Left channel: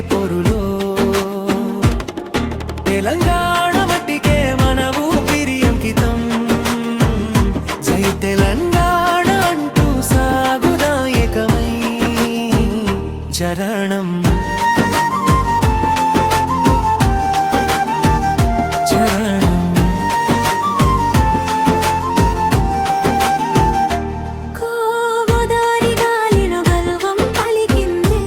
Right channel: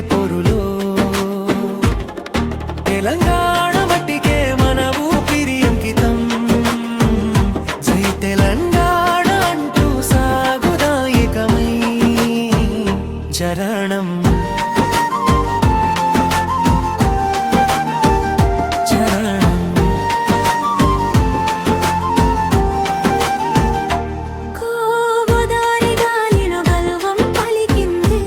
పొరులో. తెలంగాణ మట్టికే మన ఊపిరి అంకితం. జై తెలంగాణ అంటూ సాగుదాయకమై చరణం చరణం. గోదారి గాలిలో గల్వం పలికిందే,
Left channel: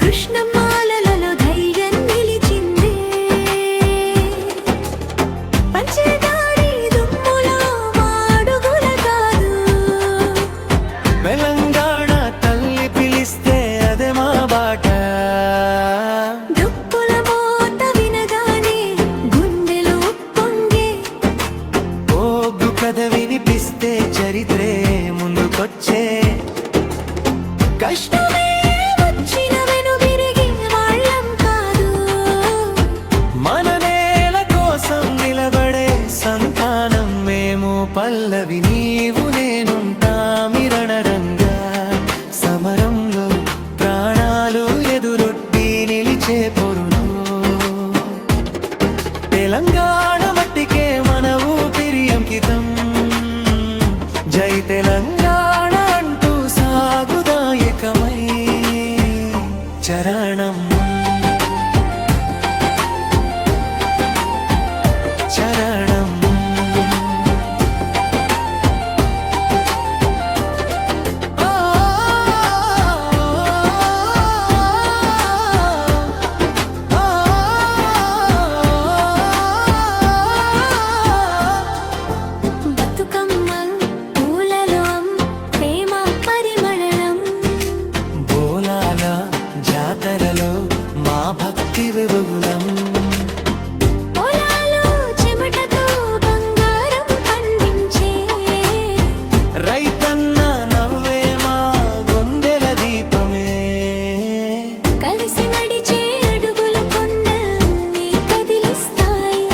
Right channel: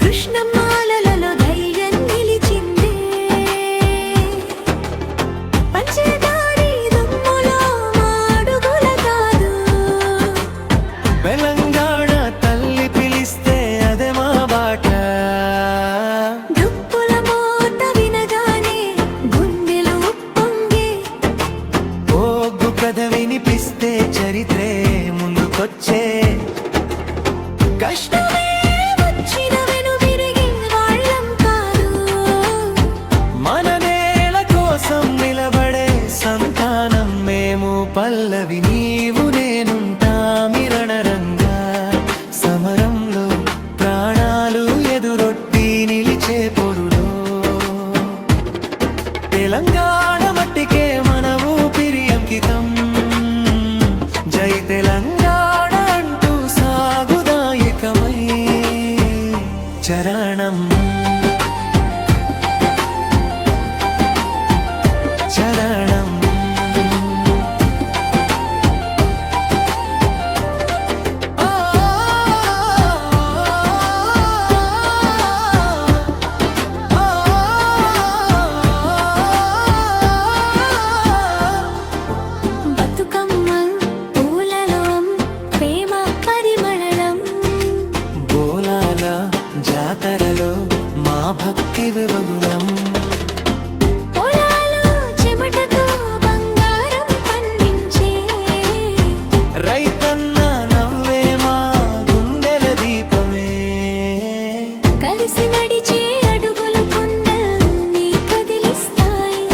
కృష్ణమాలలో ధైర్యం నిలిచిందే, పంచదారి దుమ్ములో మాడుగుల కాదు. తెలంగాణ తల్లి పిలిస్తే అదే మా బాట. దుప్పుల మోత వినగానే గుండెలు ఉప్పొంగే, ఓగ్గు కథ వినిపిస్తే చరిత్రే ముందుకొచ్చే. కష్టమే వచ్చిన వెనుదిరిగే వాళ్ళం కాదు. మన నేల కోసం నిలబడే సంతానం మేము. పల్లవి నీవు నేనుంటామిరణరంగా సమరంలో ప్రాణాలు ఎదురొడ్డి నిలిచే పొరులో. తెలంగాణ మట్టికే మన ఊపిరి అంకితం. జై తెలంగాణ అంటూ సాగుదాయకమై చరణం చరణం. బతుకమ్మ పూలలో ప్రేమ పరిమళం, బోలాల జాతరలో మా భక్తి వివగులం. పొలాలు చెమటతో బంగారం పండించే, రైతన్న నవ్వే మా గుండెల దీపమే. కలిసి నడిచే అడుగులు కొండల్ని కదిలిస్తాయి.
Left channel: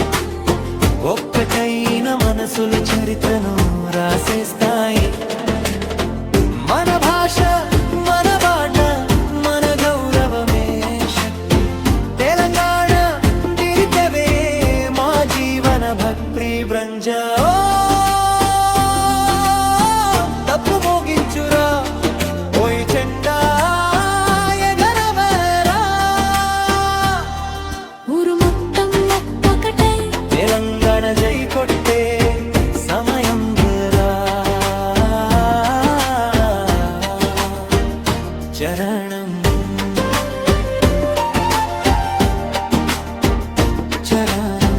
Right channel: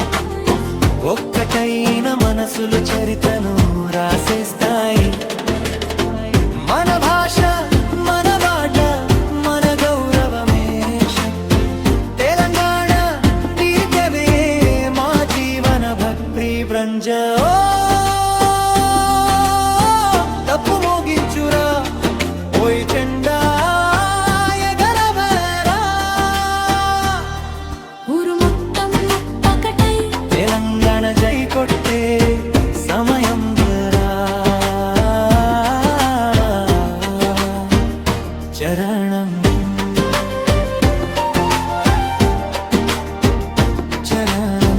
ఒక్కటైన మనసులు చరిత్రను రాసేస్తాయి. మన భాష మన బాట మన గౌరవమే శక్తి. తెలంగాణ దీర్ఘమే మా జీవన భక్తి బ్రంజ. తప్పు మోగించురా ఓయ్ చెండా ఎగరవేరా. ఊరు మొత్తం ఒక్కటై తెలంగాణ జై కొట్టే సమయం రా. చరణం చరణం.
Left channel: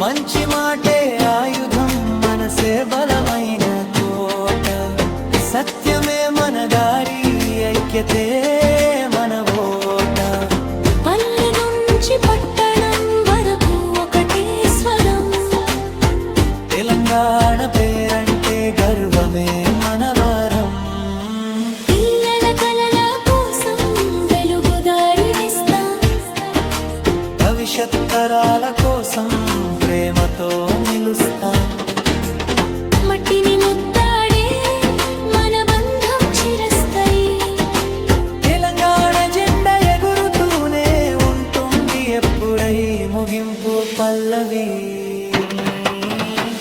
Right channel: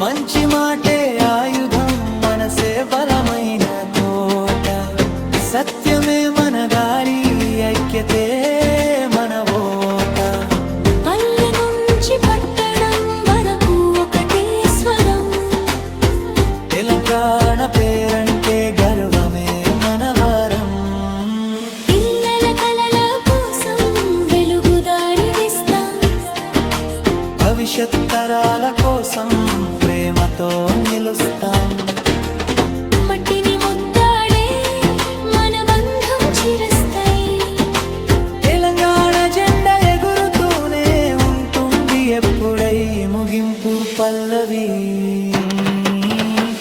మంచి మాటే ఆయుధం మనసే బలమైన కోట. సత్యమే మన దారి ఐక్యతే మన ఓట. పల్లె నుంచి పట్టణం వరకు ఒకటే స్వరం. తెలంగాణ పేరంటే గర్వమే మన వరం. పిల్లల కలల కోసం వెలుగుదారి వేస్తాం. భవిష్యత్ తరాల కోసం ప్రేమతో నిలుస్తాం. మట్టిని ముద్దాడే మన బంధం చిరస్థాయి. తెలంగాణ జెండా ఎగురుతూనే ఉంటుంది ఎప్పుడై ముగింపు పల్లవి.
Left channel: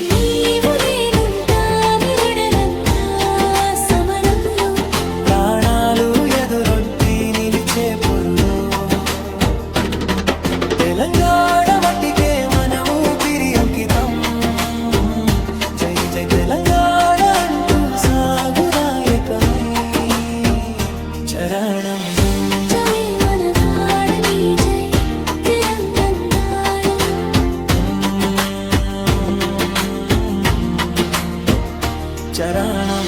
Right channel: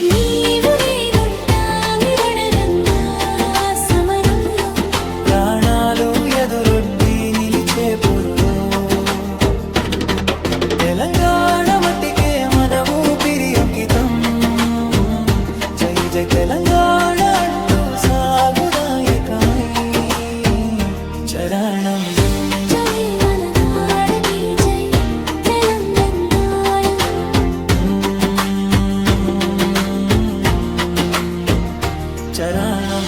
నీవు నేనుంటామిరణరంగా సమరంలో, ప్రాణాలు ఎదురొడ్డి నిలిచే పొరులో. తెలంగాణ మట్టికే మన ఊపిరి అంకితం. జై జై తెలంగాణ అంటూ సాగుదాయకమై చరణం జై మన నాడకి జై తెలంగాణ. చరణం.